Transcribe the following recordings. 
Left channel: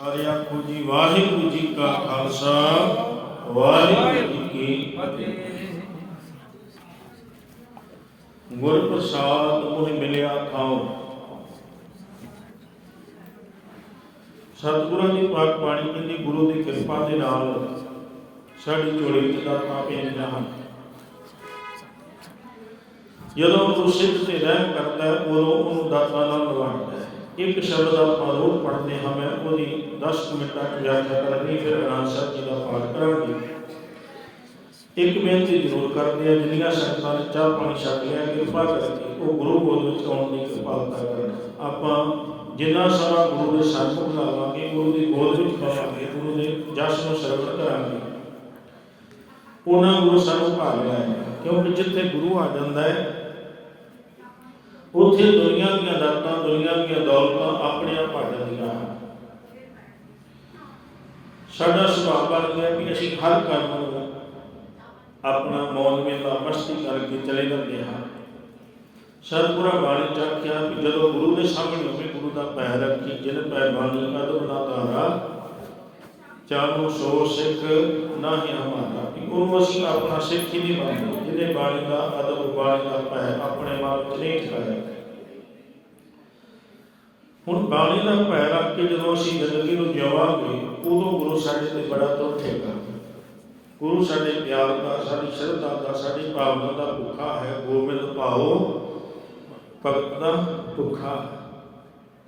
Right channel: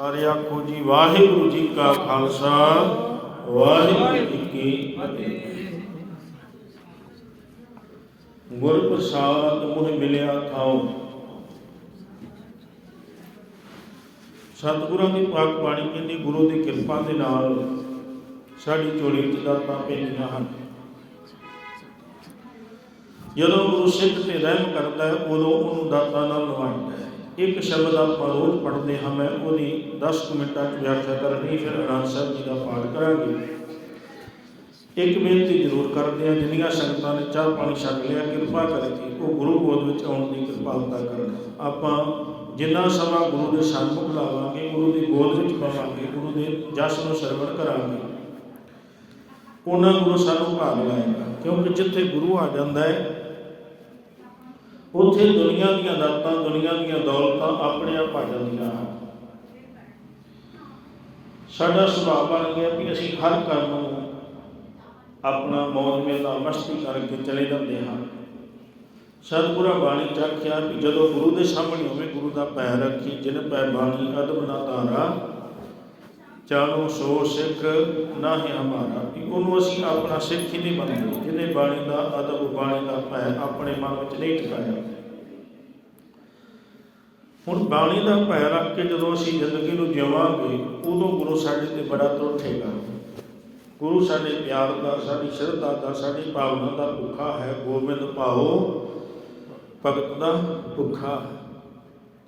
ਸਾਰੇ ਆਖੋ ਜੀ ਵਾਹਿਗੁਰੂ ਜੀ ਕਾ ਖਾਲਸਾ ਵਾਹਿਗੁਰੂ ਜੀ ਕੀ ਫਤਿਹ। ਗੁਰ ਪ੍ਰਸਾਦ ਮੋਹਿ ਮਿਲਿਆ ਥਾਉ ਸਤਿਗੁਰਾਂ ਦੀ ਪਾਕ ਬਾਣੀ ਕਹਿੰਦੀ ਗੁਰੂ ਦੀ ਕਿਰਪਾ ਦੇ ਨਾਲ ਸਾਡੀ ਝੋਲੀ ਵਿੱਚ ਦਾਤਾਂ ਪੈਂਦੀਆਂ ਹਨ। ਜਦੋਂ ਗੁਰੂ ਸਿੱਖ ਤੇ ਰਹਿਮ ਕਰਦਾ ਹੈ, ਉਦੋਂ ਉਹਨੂੰ ਦਾਤਾਂ ਨਾਲ ਨਵਾਜਦਾ ਹੈ। ਇੱਕ ਸ਼ਬਦ ਆਪਾਂ ਰੋਜ਼ ਪੜ੍ਹਦੇ ਹਾਂ, ਮੈਂ ਉਹਦੀ 10 ਕੁ ਮਿੰਟਾਂ ਚ ਵਿਆਖਿਆ ਕਰਨੀ ਫਿਰ ਅਨੰਦ ਸਾਹਿਬ ਜੀ ਦਾ ਪਾਠ ਕਰਾਂਗੇ। ਇੱਕ ਬੇਨਤੀ ਜ਼ਰੂਰ ਕਰਦੇ ਹਾਂ, ਜਿੰਨੀਆਂ ਸੰਗਤਾਂ ਨੇ ਚਾਹ ਪਾਣੀ ਛਕ ਲਿਆ, ਕਿਰਪਾ ਕਰਕੇ ਉਹ ਗੁਰੂ ਗੋਦ ਵਿੱਚ ਆਉਣ ਦੀ ਕਿਰਪਾਲਤਾ ਕਰਨ। ਆਪਾਂ ਜਿੰਨਾ ਸਮਾਂ ਗੁਰੂ ਦੇ ਸਨਮੁਖ ਲਾਵਾਂਗੇ, ਗੁਰੂ ਦੀ ਗੋਦ ਵਿੱਚ ਪਾਵਾਂਗੇ ਗੁਰੂ ਦੇ ਜਸ ਨੂੰ ਸਰਵਣ ਕਰਾਂਗੇ। ਉਹਨਾਂ ਗੁਰੂ ਸਾਨੂੰ ਭਾਗ ਲਾਏਗਾ ਕਿਉਂਕਿ ਜਿੱਥੇ ਗੁਰੂ ਆ ਜਾਂਦਾ ਹੈ ਉੱਥੇ ਦੁਨੀਆ ਦੀਆਂ ਦਾਤਾਂ ਦੁਨੀਆ ਦੀਆਂ ਦੌਲਤਾਂ ਆਪਣੀਆਂ ਭਰ ਜਾਂਦੀਆਂ ਹਨ। ਸਾਡਾ ਸੁਭਾਅ ਬਣ ਗਿਆ ਕਿ ਅਸੀਂ ਹਰ ਕੰਮ ਨੂੰ ਆਪਣਾ ਮੌਜ ਮੇਲਾ, ਮਸਤੀ ਕਰਕੇ ਚਲੇ ਜਾਂਦੇ ਹਾਂ। ਸਤਿਗੁਰਾਂ ਬਾਣੀ ਚ ਆਖਿਆ ਵੀ ਜਦੋਂ ਗੁਰੂ ਦੇ ਸਾਹਮਣੇ ਹੋਵੇ, ਗੁਰੂ ਦਾ ਪੈਰ ਰੱਖੀ, ਜਿਨ ਪੈ ਬਾਣੀ ਅਦਬ ਨਾ ਧਾਰਾ ਚਾਨੋ ਸੋ ਸਿੱਖ, ਨਾ ਹੀ ਹਮਾਰਾ। ਕਿ ਉਹਨੂੰ ਅਸੀਂ ਆਪਣਾ ਸਿੱਖ ਹੀ ਨਹੀਂ ਮੰਨਦੇ। ਜਿਹਨੇ ਬਾਣੀ ਦਾ ਅਦਬ ਬਾਣੀ ਦਾ ਪੈਰ ਆਪਣੇ ਮਨ ਵਿੱਚ ਨਹੀਂ ਟਿਕਾਇਆ ਹੁਣ ਬਾਣੀ ਦਾ ਪੈਰ ਰੱਖ ਕੇ ਜਦੋਂ ਅਸੀਂ ਜ਼ਿੰਦਗੀ ਨੂੰ ਜਿਵਾਂਗੇ ਉਦੋਂ ਗੁਰੂ ਸਾਡੇ ਤੇ ਬੜਾ ਤਰੁੱਠੇਗਾ ਗੁਰੂ ਸਾਡੇ ਪਿਆਰ ਦਾ, ਸਾਡੀ ਸ਼ਰਧਾ ਦਾ, ਸਾਡੀ ਭਾਵਨਾ ਦਾ ਭੁੱਖਾ ਹੈ। ਗੋਬਿੰਦ ਪਾਓ ਭਗਤ ਦਾ ਭੁੱਖਾ।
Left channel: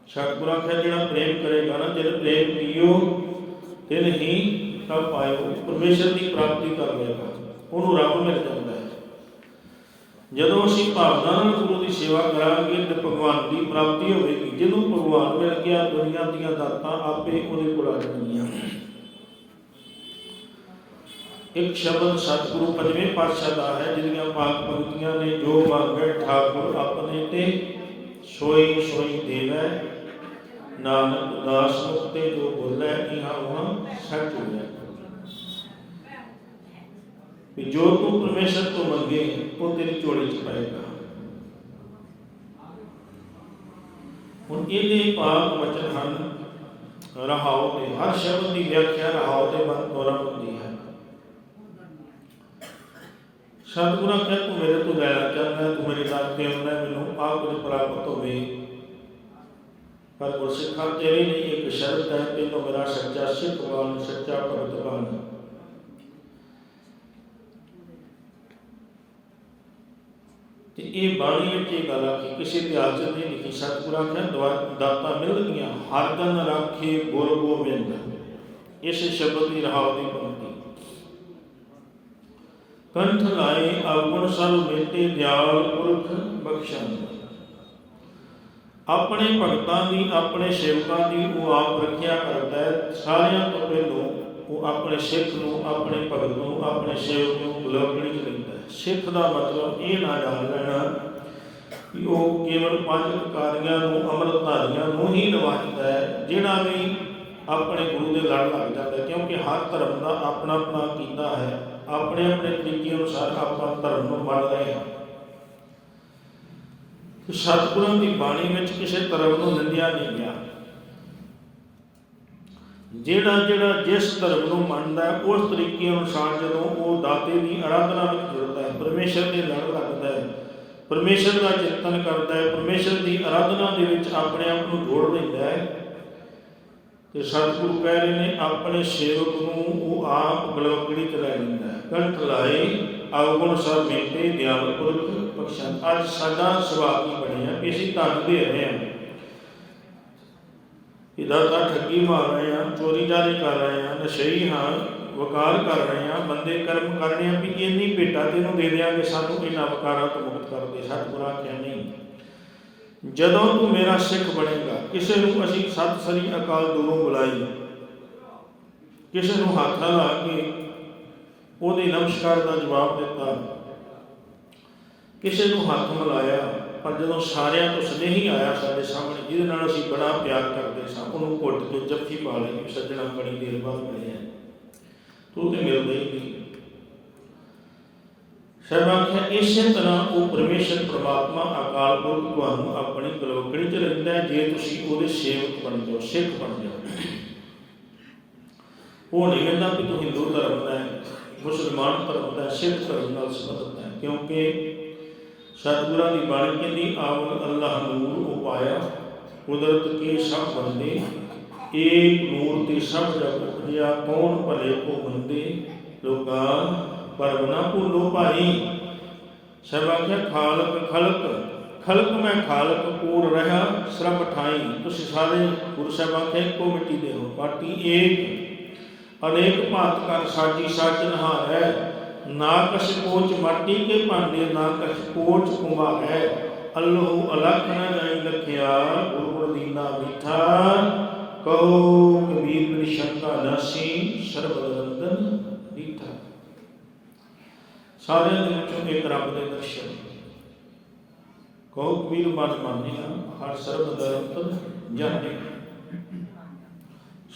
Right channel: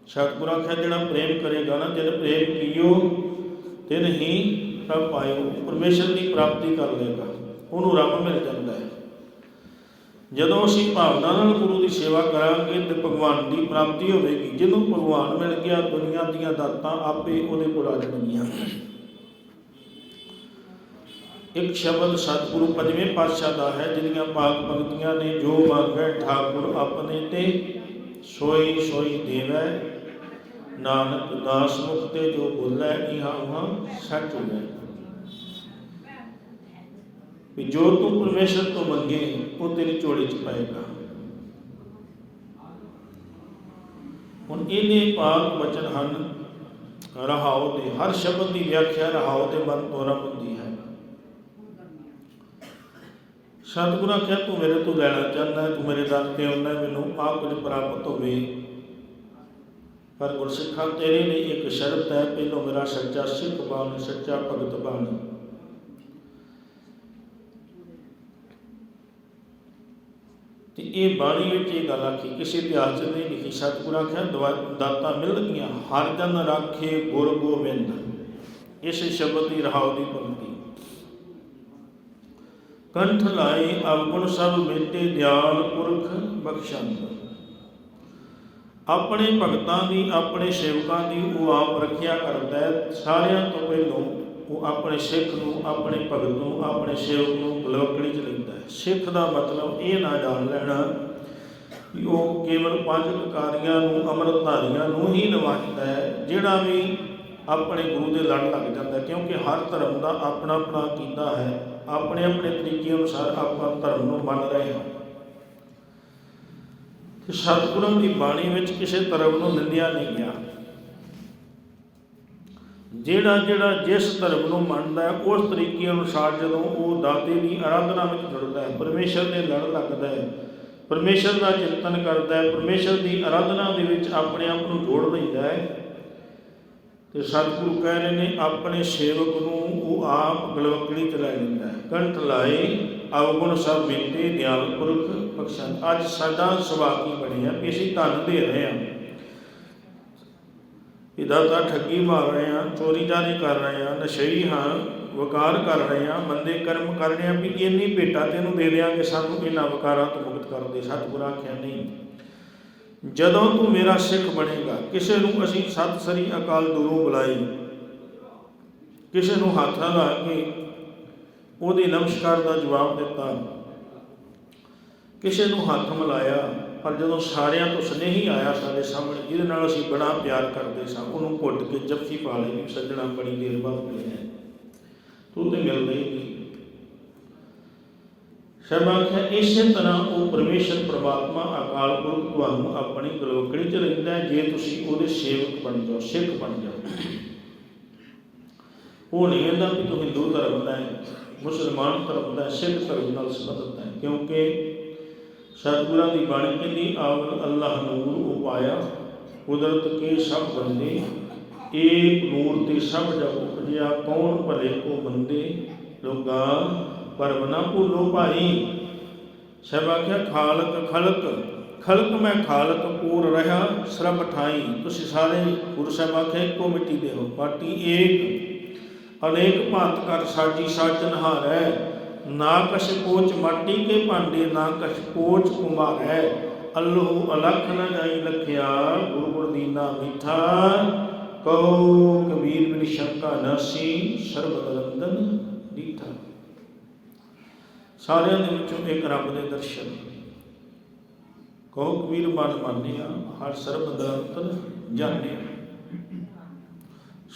ਸਤਿਗੁਰਾਂ ਕਹਿੰਦਾ ਜਿਹੜਾ ਪ੍ਰੇਮ ਕਰੇਗਾ ਨਾ ਜਦ ਪ੍ਰੇਮ ਕੀਓ ਤੇ ਨਹੀਂ ਤਾਂ ਪਾਇਓ। ਪਰਮੇਸ਼ਰ ਦੀ ਪ੍ਰਾਪਤੀ ਕਰ ਲੇਗਾ ਉਹਨੂੰ ਰੱਬ ਮਿਲ ਜਾਂਦਾ ਹੈ। ਜਦੋਂ ਅਸੀਂ ਭਾਵਨਾ ਨਾਲ ਗੁਰੂ ਦੀ ਸੇਵਾ ਕਰਾਂਗੇ ਤੇ ਭਗਵਾਨ ਦੀ ਪ੍ਰਾਪਤੀ ਹੋਵੇਗੀ ਜਦੋਂ ਭਗਵਾਨ ਮਿਲ ਗਿਆ, ਦੁਨੀਆ ਦੀਆਂ ਦਾਤਾਂ ਆਪੇ ਉਹਦੇ ਕੋਲ ਆ ਜਾਣਗੀਆਂ। ਇੱਕ ਸ਼ਬਦ ਸਤਿਗੁਰੂ ਪੰਜਵੇਂ ਪਾਤਸ਼ਾਹ ਦਾ ਹੈ, ਜਿਹਦੀਆਂ ਪਾਕ ਪੰਕਤੀਆਂ ਨੇ, ਜੋ ਮੰਗੈ ਠਾਕੁਰ ਆਪਣੇ ਤੇ ਸੋਈ ਸੋਈ ਦੇਵੈ। ਨਾਨਕ ਦਾਸ ਮੁਖ ਤੇ ਜੋ ਬੋਲੇ, ਇਹਾਂ ਉਹਾਂ ਸੱਚ ਹੋਵੇ। ਵੀ ਜੋ ਤੂੰ ਪਰਮੇਸ਼ਰ ਤੋਂ ਮੰਗੇ, ਉਹ ਤੇਰੀ ਝੋਲੀ ਚ ਪਾਏਗਾ। ਹੁਣ ਇਹਨੇ ਪਾਕ ਵਚਨ ਹਨ, ਰਹਾਉ ਦੇ। ਹਰ ਸ਼ਬਦ ਦੀ ਵਿਆਖਿਆ ਰਹਾਉ ਦੇ ਮਨ ਤੋਰਾ ਹੁੰਦੀ ਹੈ। ਸਤਿਗੁਰਾਂ ਕਹਿ, ਤੂੰ ਮੇਰੇ ਤੋਂ ਲੈਣਾ ਚਾਹੁੰਦਾ ਤੂੰ ਮੇਰੇ ਦਰ ਤੇ ਆਉਣਾ ਮੈਨੂੰ ਆਪ ਕੁਝ ਪ੍ਰਾਪਤ ਹੋਵੇ। ਪਰ ਗੁਰਸਿੱਖਾਂ ਤੇਰੇ ਲਈ ਇੱਕ ਸ਼ਰਤ ਹੈ, ਪਹਿਲੋਂ ਮੇਰਾ ਸੱਚਾ ਸਿੱਖ ਬਣ, ਸੱਚਾ ਭਗਤ ਬਣ। ਤੇ ਇਹ ਬਾਣੀ ਵਿੱਚ ਇਹ ਗੱਲ ਆਖੀ, ਕਿਸੇ ਇਤਿਹਾਸ 'ਚ ਨਹੀਂ ਲਿਖੀ ਸਤਿਗੁਰਾਂ ਕਿਹਾ ਦਵਾ- ਮਿਲਦੀਆਂ ਹਰ ਜਨ ਰਾਖੇ ਗੁਰ ਗੋਬਿੰਦ। ਇਸ ਸ਼ਬਦ ਦੀ ਰਹਾਉ ਦੀ ਪੰਕਤੀ। ਕੰਠ ਲਾਏ ਅਵਗੁਣ ਸਭ ਮੇਟੇ, ਦਿਆਲ ਪੁਰਖ ਬਖਸ਼ਣ ਆਪਣੇ ਭਗਤਾਂ ਦੀ, ਆਪਣੇ ਸੇਵਕਾਂ ਦੀ ਉਹ ਆਪ ਰੱਖਿਆ ਕਰਦਾ ਹੈ, ਸਾਰਿਆਂ ਤੋਂ ਪਹਿਲੋਂ ਉਹ ਆਪਣੇ ਸਿੱਖ ਨੂੰ, ਆਪਣੇ ਭਗਤ ਨੂੰ, ਆਪਣੇ ਸੇਵਕ ਨੂੰ ਬਲਵਕੜੀ ਚ ਲੈਂਦਾ ਹੈ ਸਿੱਖ ਦਾ ਮਤਲਬ ਇਹ ਨਾ ਜਾਣ ਲੈਣਾ ਕਿ ਉਹ ਕੇਵਲ ਪੰਜ ਅਕਾਰੀਆਂ ਨੂੰ ਅੰਮ੍ਰਿਤਧਾਰੀਆਂ ਨੂੰ ਹੀ ਨਵਾਜਦਾ ਹੈ, ਜਿਹੜਾ ਵੀ ਆਪਣੇ ਗੁਰੂ ਦੇ ਲੜ ਲੱਗ ਜਾਂਦਾ। ਕਿਉਂਕਿ ਹਰ ਧਰਮ ਦਾ ਆਪਣਾ ਆਪਣਾ ਕੀਤਾ ਹੈ। ਆਪਣੇ ਆਪਣੇ ਤਰੀਕੇ ਅਨੁਸਾਰ ਆਪਾਂ ਧਰਮ ਨੂੰ ਮੰਨ ਰਹੇ ਹਾਂ। ਕਿ ਸਤਿਗੁਰਾਂ ਦੀ ਬਾਣੀ ਵਿੱਚ ਕਿਸੇ ਧਰਮ ਨੂੰ ਨਿੰਦਿਆ ਨਹੀਂ ਗਿਆ। ਜਿਹੜਾ ਜਿਹੜਾ ਜਿਸ ਧਰਮ ਨੂੰ ਮੰਨਦਾ ਉਸ ਤਰੀਕੇ ਅਨੁਸਾਰ ਜਦੋਂ ਉਹ ਦਾਤੇ ਦੀ ਆਰਾਧਨਾ ਵਿੱਚ ਜੁੜਦਾ ਹੈ, ਪਰਮੇਸ਼ਰ ਦੇ ਲੜ ਲੱਗਦਾ ਹੈ, ਪਰਮੇਸ਼ਰ ਦਾ ਚਿੰਤਨ ਕਰਦਾ ਹੈ, ਪਰਮੇਸ਼ਰ ਦੀ ਆਰਾਧਨਾ ਦੇ ਵਿੱਚ ਆਪਣੇ ਆਪ ਨੂੰ ਜੋੜ ਲੈਂਦਾ ਹੈ, ਤੇ ਸਤਿਗੁਰੂ ਕਹਿ ਰਹੇ ਨੇ, ਆਪਣੇ ਸੇਵਕ ਨੂੰ ਉਹ ਆਪ ਗਲੋਕੜੀ ਚ ਲੈ ਲੈਂਦਾ ਹੈ। ਕੰਠ ਲਾਏ ਅਵਗੁਣ ਸਭ ਮੇਟੇ, ਦਿਆਲ ਪੁਰਖ ਬਖਸ਼ਣ ਅੱਜ ਸਾਡਾ ਸੁਭਾਅ ਕੀ ਬਣਿਆ? ਵੀ ਅਸੀਂ ਧਨ ਦੇ ਰਹੇ ਹਾਂ। ਇਹਦਾ ਤਾਂ ਠੱਗੀ ਮਾਰ ਰਹੇ ਹਾਂ ਚੋਰੀ ਜਾਰੀ ਕਰ ਰਹੇ ਹਾਂ ਨਸ਼ਈ ਹਾਂ, ਵਕਾਰ ਕਰ ਰਹੇ ਹਾਂ, ਬੰਦੇ ਕਰਮ ਕਰ ਰਹੇ ਹਾਂ, ਵੀ ਇੰਨੀ ਭੇਟਾ ਤੈਨੂੰ ਦੇ ਦਿਆਂਗੇ, ਸਾਨੂੰ ਇਹਨਾਂ ਵਕਾਰਾਂ ਤੋਂ ਮੁਕਤ ਕਰ ਦੇ ਸਤਿਗੁਰਾਂ ਆਖਿਆ ਨਹੀਂ ਜਦੋਂ ਤੂੰ ਮੇਰਾ ਸਿੱਖ ਬਣੇਗਾ, ਕਿਸੇ ਨੂੰ ਅਸੀਂ ਸਤਿ ਸ੍ਰੀ ਅਕਾਲ ਦੂਰੋਂ ਬੁਲਾਈ। ਕਿਸੇ ਨੂੰ ਹੱਥ ਲਾ ਕੇ ਉਹਦੇ ਨਮਸਕਾਰ ਦਾ ਜਵਾਬ ਦਿੱਤਾ। ਕਿਸੇ ਨੂੰ ਹੱਥ ਮਿਲਾਇਆ। ਪਰ ਜਦੋਂ ਸਾਰਿਆਂ ਤੋਂ ਸਨੇਹੀ ਆਇਆ ਸਾਡੇ ਸਾਹਮਣੇ, ਜਿਹਦੇ ਨਾਲ ਅਸੀਂ ਬੜਾ ਪਿਆਰ ਕਰਦੇ ਸਾਂ, ਉਹਨੂੰ ਘੁੱਟ ਕੇ ਜੱਫੀ ਪਾ ਲਈ, ਸੱਜਣਾ ਬੜੀ ਦੇਰ ਬਾਅਦ ਮਿਲੇ ਤੂੰ ਤੇ ਮਿਲਦੇ ਹੀ ਨਹੀਂ। ਸਭਾ ਇਸੇ ਤਰ੍ਹਾਂ ਉਹ ਪਰਮੇਸ਼ਰ ਪ੍ਰਮਾਤਮਾ ਅਕਾਲ ਪੁਰਖ ਤੁਹਾਨੂੰ ਆਪਣੀ ਗਲੋਕੜੀ ਚ ਰਹਿੰਦਾ ਹੈ, ਜੇ ਤੁਸੀਂ ਉਹਦੇ ਸੇਵਕ ਬਣ ਜਾਓ, ਸਿੱਖ ਬਣ ਜਾਓ। ਉਹ ਨਹੀਂ ਕਹਿੰਦਾ ਕਿ ਤੂੰ ਹਿੰਦੂ ਧਰਮ ਦਾ ਹੈ, ਮੁਸਲਮਾਨ ਧਰਮ ਦਾ ਸਿੱਖ ਧਰਮ ਨਾਲ ਸੰਬੰਧਿਤ ਹੈ, ਕਿਉਂਕਿ ਸਤਿਗੁਰਾਂ ਦੀ ਬਾਣੀ ਕਹਿੰਦੀ ਆਵਲ ਅੱਲਾਹ ਨੂਰ ਉਪਾਇਆ, ਕੁਦਰਤ ਕੇ ਸਭ ਬੰਦੇ, ਏਕ ਨੂਰ ਤੇ ਸਭ ਜਗ ਉਪਜਿਆ, ਕੌਣ ਭਲੇ ਕੋ ਬੰਦੇ ਲੋਗਾ ਪਰਮ ਭੂਲੋ ਭਾਈ। ਸਭ ਆਖਿਆ, ਖਾਲਕ ਖਲਕ ਖਲਕ ਮੈਂ ਖਾਲਕ ਪੂਰ ਰਹਾ, ਸ਼ਰਮ ਠਾਈ। ਤੁਸੀਂ ਸਾਰੇ ਗੁਰੂ ਸਾਹਿਬ ਆਖੇ, ਇੱਕੋ ਮਿੱਟੀ ਦੇ ਹੋ ਪਾਟੀ, ਏਕ। ਅਨੇਕ ਭਾਂਤ ਕਰ ਸਾਜੀ, ਸਾਜਨ ਹਾਰੈ। ਨਾ ਕਛ ਕੋਚ ਮਾਟੀ ਕੇ ਭਾਂਡੇ, ਨਾ ਕਛ ਕੋਚ ਕੁਮਾਰੈ ਅੱਲਹੁ ਅਲਖ ਨ ਗਈ ਲਖਿਆ ਗੁਰੂ ਦੀਨਾ ਮਿਠਾ। ਕਹੋ ਕਬੀਰ ਮੇਰੀ ਸ਼ੰਕਾ ਨਾਸੀ, ਸਰਬਦ ਨੰਦਨ ਦੀਠਾ ਸਾਰਿਆਂ ਦੇ ਵਿੱਚੋਂ ਇੱਕ ਰੱਬ ਦੇ ਦਰਸ਼ਨ। ਕਹੋ ਕਬੀਰ ਮਨ ਮੰਨਿਆ, ਹਰ ਸਰਬ ਦਾ ਅੰਤਰ ਜਾਣੇ।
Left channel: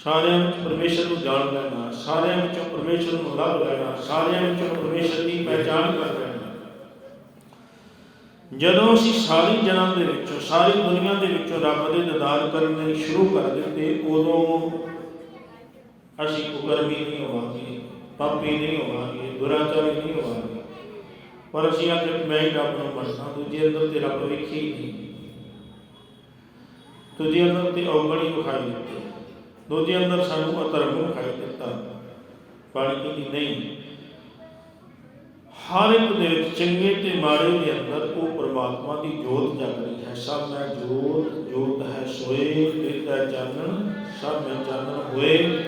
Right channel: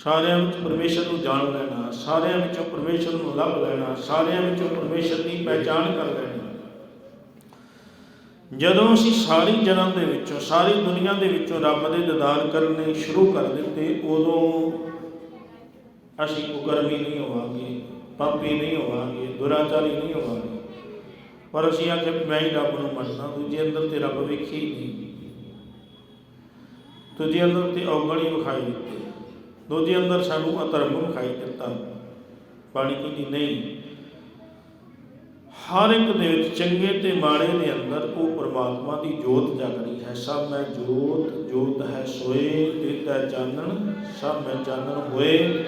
ਸਾਰਿਆਂ ਵਿੱਚ ਪਰਮੇਸ਼ਰ ਨੂੰ ਜਾਣ ਲੈਣਾ, ਸਾਰਿਆਂ ਵਿੱਚੋਂ ਪਰਮੇਸ਼ਰ ਨੂੰ ਲੱਭ ਲੈਣਾ, ਸਾਰਿਆਂ ਵਿੱਚੋਂ ਪਰਮੇਸ਼ਰ ਦੀ ਪਹਿਚਾਣ ਕਰ ਲੈਣਾ। ਜਦੋਂ ਅਸੀਂ ਸਾਰੀ ਜਨਮ ਦੇ ਵਿੱਚੋਂ, ਸਾਰੀ ਦੁਨੀਆ ਦੇ ਵਿੱਚੋਂ ਰੱਬ ਦੇ ਦੀਦਾਰ ਕਰਨੇ ਸ਼ੁਰੂ ਕਰ ਦਿੱਤੇ, ਉਦੋਂ ਅਸੀਂ ਕੁਕਰਮੀ ਨਹੀਂ ਹੋਵਾਂਗੇ, ਪਾਪੀ ਨਹੀਂ ਹੋਵਾਂਗੇ, ਦੁਰਾਚਾਰੀ ਨਹੀਂ ਹੋਵਾਂਗੇ। ਪਰ ਅਸੀਂ ਆਖੇ ਵੀ ਮੈਂ ਹੀ ਰੱਬ ਨੂੰ ਮੰਨਦਾ, ਦੂਜੇ ਅੰਦਰ ਤੇ ਰੱਬ ਵੇਖੀ ਨਹੀਂ। ਦੂਜੇ ਅੰਦਰ ਤੇ ਔਗਣੀ ਵਿਖਾਈ ਦਿੱਤੀ। ਦੂਜੇ ਅੰਦਰ ਸਾਨੂੰ ਅਧਰਮ ਵਿਖਾਈ ਦਿੱਤਾ। ਬਾਣੀ ਕਹਿੰਦੀ, ਨਹੀਂ, ਹਰ ਇੱਕ ਦੇ ਵਿੱਚ ਚੰਗੇ ਤੇ ਮਾੜੇ ਦੇ ਅੰਦਰ ਉਹ ਪ੍ਰਮਾਤਮਾ ਦੀ ਜੋਤ ਜਗ ਰਹੀ ਹੈ। ਸਭ ਮੈਂ ਜੋਤ ਜੋਤ ਹੈ ਸੋਏ ਤੇਤਾ ਚਾਨਣ, ਸਭ ਮੈਂ ਚਾਨਣ ਹੋਏ।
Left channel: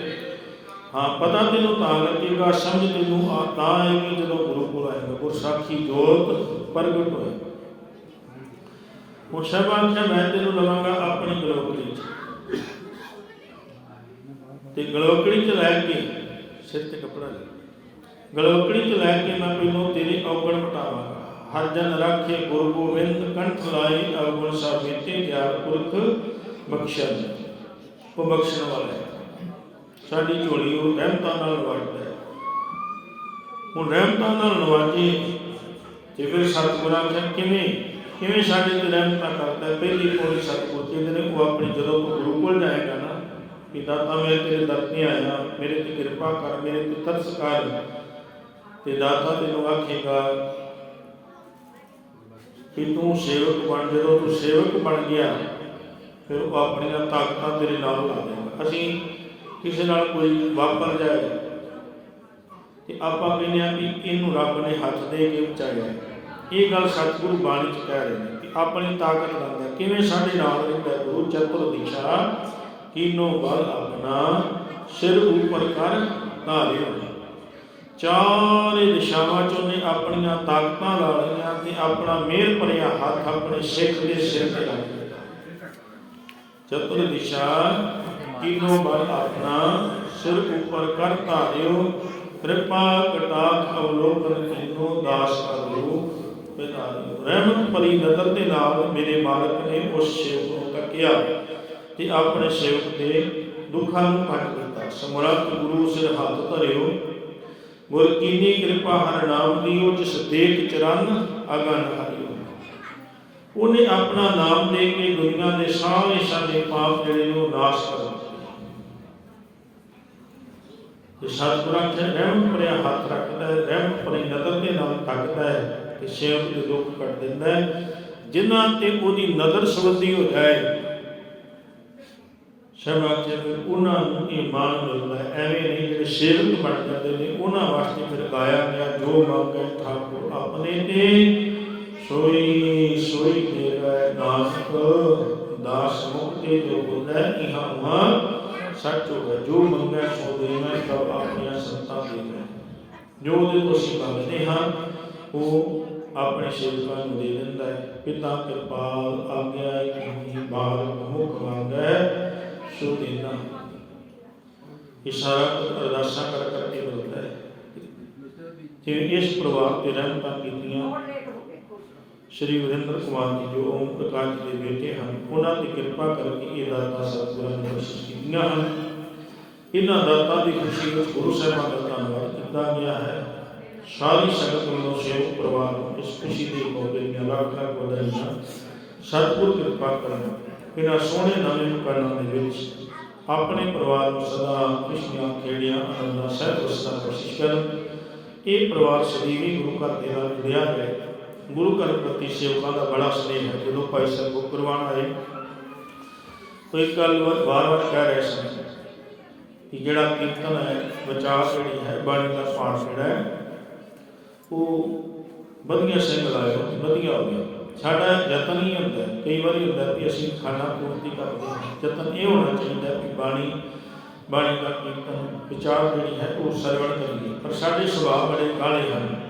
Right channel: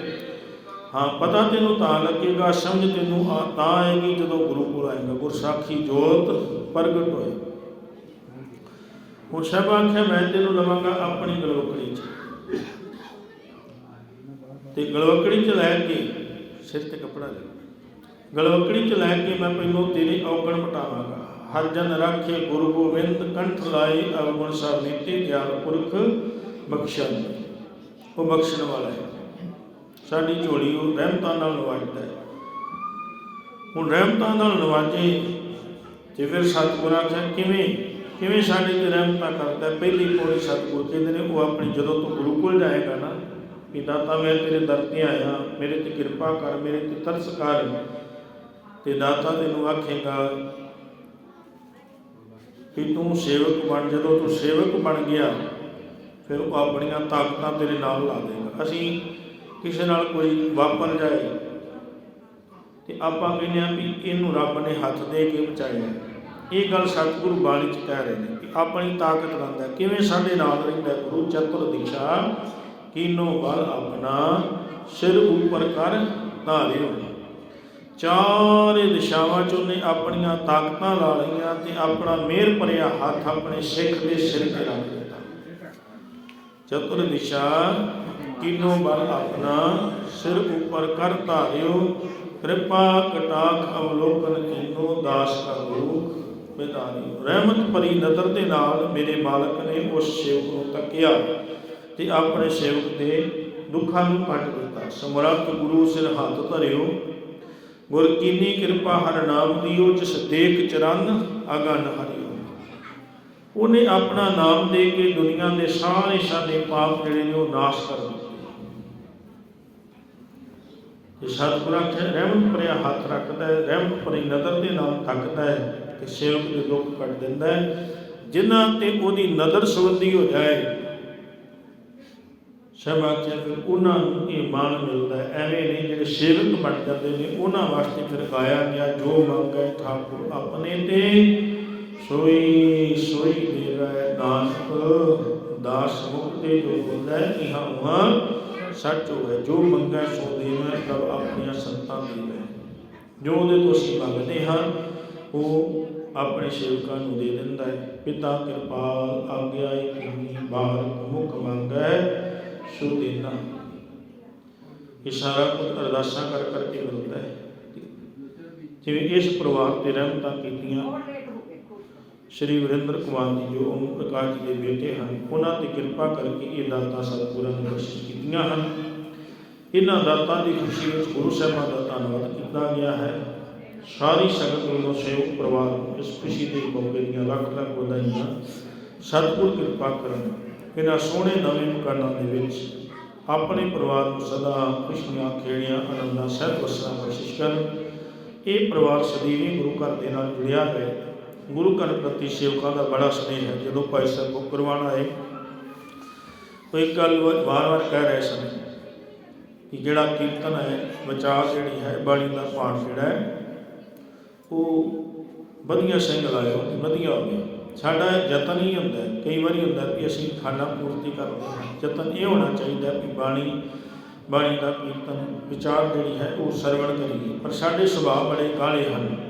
ਹਾਂ, ਪਤਾ ਤੈਨੂੰ ਤਾਂ ਲੱਗੇਗਾ, ਸਮਝ ਤੈਨੂੰ ਆ, ਤਾਂ ਆਏਗੀ ਜਦੋਂ ਗੁਰੂ ਕੋਲ ਆਏਗਾ। ਗੁਰਸਾਖੀ ਜੋਤ ਪ੍ਰਗਟ ਹੋਏ। ਉਹ ਸਭ ਆਖਿਆ, ਮੈਂ ਤੈਨੂੰ ਲਵਾਂਗਾ ਆਪਣੀ ਗਲੋਕੜੀ ਚ ਤੇ ਗਲੋਕੜੀ ਚ ਲੈ ਕੇ ਸਿਰ ਤੇ ਕਪੜਾ ਲੈ ਗਲੋਕੜੀ ਚ ਲੈ ਕੇ ਮੈਂ ਪਹਿਲੋਂ ਤੇਰੀ ਔਗਣ ਮਟਾਵਾਂਗਾ ਹਰ ਜਨ ਰਾਖੇ ਗੁਰੂ ਗੋਬਿੰਦ, ਕੰਠ ਲਾਏ ਅਵਗੁਣ ਸਭ ਮੀਤੇ ਗਿਆਨ ਪੁਰਖ ਬਖਸ਼ਣ। ਉਹ ਬਖਸ਼ਣ ਵਾਲਾ ਹੈ। ਸਾਡੀ ਝੋਲੀ ਉਹ ਰਹਿਮਤਾਂ ਨਾਲ ਨਵਾਜਦਾ ਹੈ। ਹੁਣ ਰਹਿਮਤਾਂ ਨਾਲ ਨਵਾਜੇ, ਤੇ ਫਿਰ ਸਤਿਗੁਰਾਂ ਕਹਿੰਦੇ ਕਿਵੇਂ ਕਿਵੇਂ ਸਾਡੇ ਤੇ ਰਹਿਮਤਾਂ ਕਰਦਾ ਹੈ? ਪਹਿਲੀ ਪੌੜੀ ਸਤਿਗੁਰ ਕਹਿੰਦੇ ਨੇ, ਉਹ ਆਪਣੇ ਜਦੋਂ ਤੋਂ ਗੁਰੂ ਕੋਲ ਜਾਏਗਾ ਨਾ। ਕਿ ਦਾਤਾ ਮੈਂ ਤੇਰੇ ਦਰ ਤੇ ਆਇਆ, ਮੇਰੇ ਤੇ ਕਿਰਪਾ ਕਰ, ਮੇਰੇ ਤੇ ਤਰਸ ਕਰ। ਤੇ ਦਾਤਾ ਤੈਨੂੰ ਆਖੇਗਾ, ਕਿ ਤੂੰ ਸੇਵਕ ਬਣ, ਜਦੋਂ ਤੂੰ ਸੇਵਕ ਬਣ ਗਿਆ, ਫਿਰ ਉਹ ਆਪਣੀਆਂ ਤਾਕਤਾਂ ਤੇਰੇ ਨਾਲ ਲਾ ਦੇਗਾ ਅਸੀਂ ਕਿਸੇ ਨਾਲ ਕੋਈ ਵਾਪਰ ਜਾਏ, ਤੇ ਆਪਾਂ ਕਹਿੰਦੇ ਆ ਵੀ ਇਹਨੂੰ ਰੱਬ ਨੇ ਹੱਥ ਦੇ ਕੇ ਬਚਾਇਆ। ਇਹ ਗੱਲ ਸਤਿਗੁਰੂ ਬਾਣੀ ਚ ਕਹਿ ਰਹੇ ਨੇ ਕਿ ਆਪਣੀ ਤਾਕਤ ਰੰਦਾ ਕਿਵੇਂ ਸਾਡੇ ਨਾਲ ਰਹਿੰਦਾ ਗੁਰੂ ਚਤੁਰ ਦਿਸ਼ਾ ਕੀਨੋ ਬਲ ਆਪਣਾ ਸਿਰ ਉੱਪਰ ਕਰ ਧਾਰਿਓ। ਚਾਰੇ ਦਿਸ਼ਾਵਾਂ ਚੋਂ ਨੇ ਆਪਣੀਆਂ ਤਾਕਤਾਂ ਲਾ ਲਈਆਂ ਤੇ ਆਪਣਾ ਮਿਹਰ ਭਰਿਆ ਹੱਥ ਆਪਣੇ ਸਿੱਖ ਦੇ ਸਿਰ ਤੇ ਰੱਖ ਦਿੱਤਾ। ਚਤੁਰ ਦਿਸ਼ਾ, ਕੀਨੋ ਬਲ ਆਪਣਾ ਸਿਰ ਉੱਪਰ ਕਰ ਧਾਰਿਓ। ਕਿਰਪਾ ਕਟਾਖ ਅਵਲੋਕਨ ਕੀਨੋ ਦਾਸ ਕਰਿਓ ਪਿਤਾਰਿਓ ਰਹਿਮਤ ਭਰੀ ਨਜ਼ਰ ਦੇ ਨਾਲ ਮੇਰੇ ਮਾਲਕ ਨੇ ਉਸ ਸੇਵਕ ਨੂੰ ਤੱਕਿਆ। ਤੇ ਆਪਣੇ ਸੇਵਕ ਦੇ ਦੁੱਖਾਂ ਨੂੰ ਕੱਟ ਦਿੱਤਾ। ਸਮਰੱਥ ਗੁਰੂ ਸਿਰ ਹੱਥ ਧਰਿਓ। ਗੁਰ ਕੀਨੀ ਕਿਰਪਾ ਹਰ ਨਾਮ ਦੀਓ ਜਿਸ ਦੇਖ ਚਰਨ ਅਗਨ ਹਰਿਓ। ਉਹਨੇ ਆਪਣਾ ਨਾਮ ਦੇ ਕੇ ਦੁਨੀਆ ਦੇ ਸਾਰੇ ਸਾਡੇ ਪਾਪ ਜਿਹੜੇ ਨੇ ਉਹ ਨਾਸ਼ ਕਰ ਦਿੱਤੇ। ਤੇ ਸਤਿਗੁਰਾਂ ਤੇ ਰਹਿਮਤ ਭਰਿਆ ਹੱਥ ਰੱਖਦਾ ਹੈ ਰਹਿਮਤ ਭਰੀ ਨਜ਼ਰ ਦੇ ਨਾਲ ਤੱਕਦਾ ਹੈ ਤੇ ਸੇਵਕ ਦੇ ਦੁੱਖ ਕੱਟ ਦਿੰਦਾ ਹੈ। ਜਿਨ੍ਹਾਂ ਤੇ ਉਹਦੀ ਨਦਰ ਸੰਬੰਧੀ ਹੋ ਜਾਏ ਸਭਾ ਕੇ ਫਿਰ ਉਹਨਾਂ ਨੂੰ ਇਹ ਮਾਨ ਮਿਲਦਾ ਹੈ। ਐਵੇਂ ਨਹੀਂ, ਜਿਹੜੇ ਸੇਵਕ ਬਣ ਜਾਂਦੇ ਨੇ, ਉਹਨਾਂ ਵਾਸਤੇ ਫਿਰ ਗਾਇਆ ਗਿਆ, ਜੋ ਮੰਗੈ ਠਾਕੁਰ ਆਪਣੇ ਤੇ। ਸੋਈ ਸੋਈ ਮੇਰਾ ਨਾਨਕ ਦਾਸ ਮੁਕਤੇ ਜੋ ਹੁੰਦਾ ਇਹਾਂ ਉਹਾਂ ਸੱਚ ਹੋਵੇ। ਜੋ ਮੰਗੈ ਸੋ ਦੇਵੈ ਸਭ ਆਪਣੀਆਂ ਸੰਤਾਂ ਦੇਵੈ ਜੋ ਉਹਦੇ ਤੋਂ ਅਸੀਂ ਮੰਗਦੇ ਹਾਂ, ਉਹ ਆਪਣੇ ਸੇਵਕਾਂ ਨੂੰ ਦੇ ਦਿੰਦਾ ਹੈ। ਪਿਤਾ ਕਿਰਪਾਲ ਆਗਿਆ ਕਿ ਬਾਹਰ ਮੁਖ ਮੰਗੈ ਸੋ ਦੇਨਾ ਇਸ਼ਾਰਾ ਅਰਦਾਸਾਂ ਕਰ ਕਰਕੇ ਮਿਲਦਾ ਹੈ। ਜਿਵੇਂ ਇਸ ਪਰਿਵਾਰ ਤੇ ਰਹਿਮਤਾਂ ਕੀਤੀਆਂ, ਸ਼੍ਰੀ ਵਿਰਿੰਦਰ ਕੁਮਾਰ ਜੀ ਜੋ ਓਮ ਪ੍ਰਕਾਸ਼ ਦੇ ਬੇਟੇ ਹਨ, ਉਹਨਾਂ ਤੇ ਕਿਰਪਾ ਕਰਕੇ ਇਹ ਦਾਤਾਂ ਸਤਿਗੁਰਾਂ ਨੇ ਬਖਸ਼ਿਸ਼ ਕੀਤੀਆਂ ਹਨ। ਇਹਨਾਂ ਦਾਤਾਂ ਦੀ ਖੁਸ਼ੀ ਵਿੱਚ ਗੁਰੂ ਸਾਹਿਬਾਨ ਦਾ ਧੰਨਵਾਦ ਕੀਤਾ ਗਿਆ ਹੈ। ਸਾਰੀ ਸੰਗਤ ਵੱਲੋਂ ਸਹਿਯੋਗ ਪਰਿਵਾਰ ਇਸ ਖੁਸ਼ੀ ਦੇ ਮੌਕੇ ਦੀਆਂ ਲੱਖ ਲੱਖ ਵਧਾਈਆਂ ਸਤਿਗੁਰ ਕਿਰਪਾ ਕਰਨ। ਇਹਨਾਂ ਸੋਹਣੇ ਨਵੇਂ ਮਕਾਨਾਂ ਦੇ ਵਿੱਚ ਆਪਣੇ ਪਰਿਵਾਰ ਨੂੰ ਸਦਾ ਖੁਸ਼ੀਆਂ, ਖੇੜੀਆਂ ਆਨੰਦਾਂ ਸਹਿਤ ਵਸਣਾ ਬਖਸ਼ਿਸ਼ ਕਰ ਇਹ ਪਰਿਵਾਰ ਸਦੀਵੀ ਗੁਰੂ ਘਰ ਦੇ ਨਾਲ ਜੁੜਿਆ ਹੈ। ਗੁਰੂ ਘਰ ਪ੍ਰਤੀ ਸੇਵਕਾਂ ਦਾ ਬੜਾ ਸਨੇਹ ਹੈ। ਜਦੋਂ ਭਾਈ ਸਾਹਿਬ ਬੁੱਕ ਕਰਵਾਉਣ ਆਏ ਕੋਈ ਗੱਲ ਵਾਰ-ਵਾਰ ਕਹਿ ਰਹੇ ਸਨ ਕਿ ਜਿਹੜਾ ਕੀਰਤਨ ਹੈ, ਵਿਚਾਰ ਜਿਹੜੀ ਹੈ, ਬਾਣੀ ਦਾ ਪਾਠ ਜਿਹੜਾ ਹੈ, ਉਹ ਵਧੀਆ ਸਿੰਘ ਲਾਇਓ, ਵਧੀਆ ਹੋ ਗਿਆ। ਸਾਡਾ ਯਤਨ ਹੀ ਹੁੰਦਾ ਕਈ ਵਾਰੀ ਹੁੰਦਾ ਕਿ ਅਸੀਂ ਖਾਣਾ ਪੂਰਤੀ ਕਰਦੇ ਹਾਂ। ਯਤਨ ਇਹ ਹੋਣਾ ਚਾਹੀਦਾ ਕਿ ਬਾਣੀ ਬਾਣੀ ਦਾ ਕੀਰਤਨ, ਵਿਚਾਰ ਜਿਹੜੀ ਹੈ ਉਹ ਸਰਵਣ ਕਰੀਏ। ਪਰ ਸਾਡੇ ਸੁਭਾਅ ਬੜੇ ਕਾਲੇ ਹਨ।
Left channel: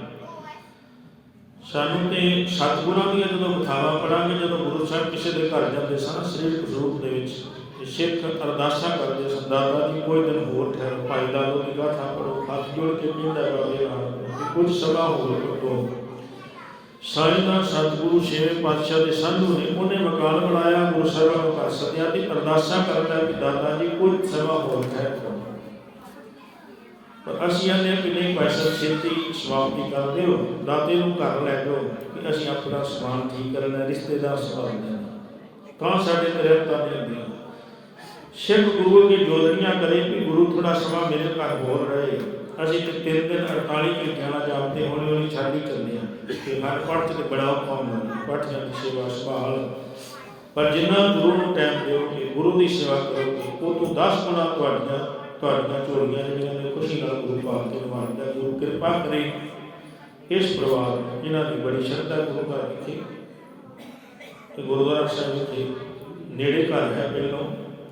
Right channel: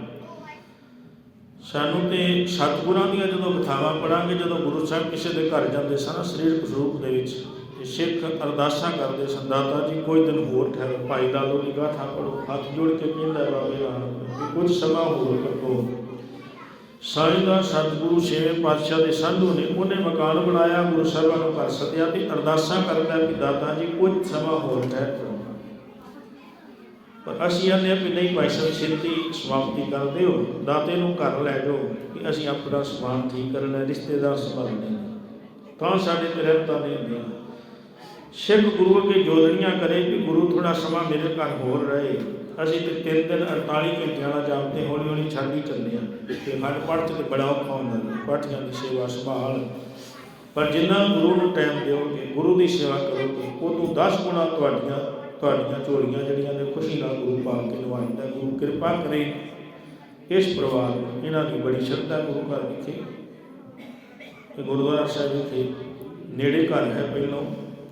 ਸਾਨੂੰ ਤੇ ਸਤਿਗੁਰਾਂ ਦੀਆਂ ਜਦੋਂ ਕਥਾਵਾਂ ਪੜਾਂਗੇ ਜਦੋਂ ਗੁਰੂ ਸਾਹਿਬ ਕਿਸੇ ਦੇ ਘਰ ਜਾਂਦੇ ਸਨ ਸਰੀਰਕ ਸਰੂਪ ਦੇ ਵਿੱਚ ਤੇ ਸਿੱਖ ਅਰਦਾਸਾਂ ਕਰਦੇ ਸਨ ਦਾਤਾ ਜੀ, ਕੋਈ ਦਿਨ ਹੋਰ ਠਹਿਰੋ। ਭਾਈ, ਦਾਦੋ ਦੀ ਗਾਥਾ ਪੜੋ ਹੱਥ ਜੋੜ ਕੇ ਕਹਿੰਦਾ, ਬਾਬੇ ਰਾਮ ਕੁਝ ਸਮਾਂ ਹੋਰ ਕੱਟੋ ਸਾਈਂ ਸਤਿਗੁਰੂ, ਛੇਵੇਂ ਪਾਤਸ਼ਾਹ ਦੇ ਸਾਧੂ ਨੇ ਉਹਨੇ ਮਕਾਨ ਬਣਾਇਆ, ਗੁਰੂ ਸਾਹਿਬਾਂ ਨੂੰ ਘਰ ਸੱਦਿਆ ਤੇ ਅਰਦਾਸਾਂ ਕਰਦਾ ਕਿ ਦਾਤਾ ਜੀ ਕੁਝ ਸਮਾਂ ਹੋਰ ਠਹਿਰੋ ਪਰ ਅਸੀਂ ਆਨੇ ਕਿ ਨਹੀਂ ਭਾਈ ਸਾਹਿਬ, ਛੇਤੀ ਸਮਾਪਤੀ ਕਰ ਦਿਓ, ਦਾਤੇ ਨੂੰ ਘਰ ਲੈ ਜਾਓ ਕਿ ਅਸੀਂ ਆਪਣਾ ਸਮਾਨ ਠੀਕ ਕਰਨਾ ਰਿਸ਼ਤੇਦਾਰ ਸੰਭਾਲਣੇ ਤਾਂ ਸਾਡੇ ਤੇ ਰਹਿਤਾਂ ਦੇ ਹੁੰਦੀਆਂ। ਸਿੱਖ ਗੁਰੂ ਅੱਗੇ ਜੋਦੜੀਆਂ ਕਰੇ ਕਿ ਗੁਰੂ ਥੋੜਾ ਸਮਾਂ ਮੇਰੇ ਘਰ ਹੋਰ ਰਹੇ। ਅਸੀਂ ਤੇ ਤਿੰਨ ਦਿਨ 48 ਘੰਟਿਆਂ ਦਾ ਜਾਪਦੇ ਹੌਲੀ ਹੌਲੀ ਛੱਡ ਚੱਲਦੇ ਹਾਂ। ਤੇ ਹਰ ਪੜ੍ਹ ਤੇ ਬੜਾ ਔਖਾ ਹੁੰਦਾ ਹੈ ਪਾਠੀਆਂ ਦੀ ਸੇਵਾ ਸੰਭਾਲ। ਪਰ ਜਿੰਨਾ ਗੁਰੂ ਨੂੰ ਟਾਈਮ ਦਿਓਗੇ, ਗੁਰੂ ਦੀ ਸੇਵਾ ਕਰੋਗੇ ਉਹ ਤੋਂ 10 ਗੁਣਾ ਤੁਹਾਡੀਆਂ ਤੁਹਾਡੀਆਂ ਝੋਲੀਆਂ ਜਿਹੜੀਆਂ ਨੇ ਖੁਸ਼ੀ ਨਾਲ ਗੁਰੂ ਪਾਲ ਤੇ ਨਿਵਾਰਦਾ ਗੁਰੂ ਕਿਰਪਾ ਕਰੇ। ਇਸ ਪਰਿਵਾਰ ਇਹਨਾਂ ਦੀ ਬੜੀ ਸ਼ਰਧਾ ਗੁਰੂ ਘਰ ਵਿਖੇ ਤੇ ਗੁਰਦੁਆਰਾ ਸਾਹਿਬ ਵਿਖੇ ਨੇੜੇ ਘਰ ਹੈ ਪਹਿਲੋਂ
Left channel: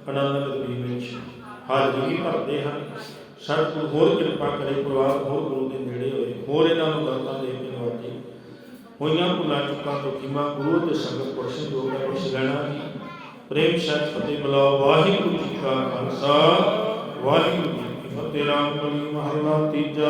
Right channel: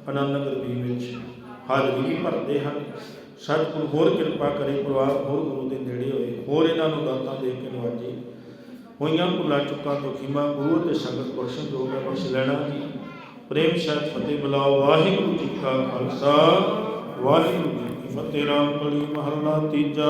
ਆਨੰਦ ਨਗਰ ਵਿੱਚ। ਹਾਜ਼ਰੀ ਵੀ ਭਰਦੇ ਹਨ। ਸਤਿਗੁਰੂ ਹੋਰ ਕਿਰਪਾ ਕਰੇ, ਪਰਿਵਾਰ ਹੋਰ ਗੁਰੂ ਦੇ ਨੇੜੇ ਹੋਏ, ਹੋਰ ਇਹਨਾਂ ਨੂੰ ਦਾਤਾਂ ਦੇ ਕੇ ਨਵਾਜੇ। ਹੋਈਆਂ ਭੁੱਲਾਂ, ਚੁੱਕਾਂ ਤੋਂ ਖਿਮਾ ਗੁਰੂ ਦੇ ਸੰਗਤ ਪੁਰਸ਼ ਜੋਗ ਦਾ ਬਖਸ਼ ਲੈਣਾ ਜੀ। ਪ੍ਰੇਮ ਸਹਿਤ ਫਤਿਹ ਬੁਲਾਓ। ਵਾਹਿਗੁਰੂ ਜੀ ਕਾ ਖਾਲਸਾ। ਵਾਹਿਗੁਰੂ ਜੀ ਕੀ ਫਤਿਹ। ਰਾਮ ਕਲੀ ਮਹੱਲਾ ਤੀਜਾ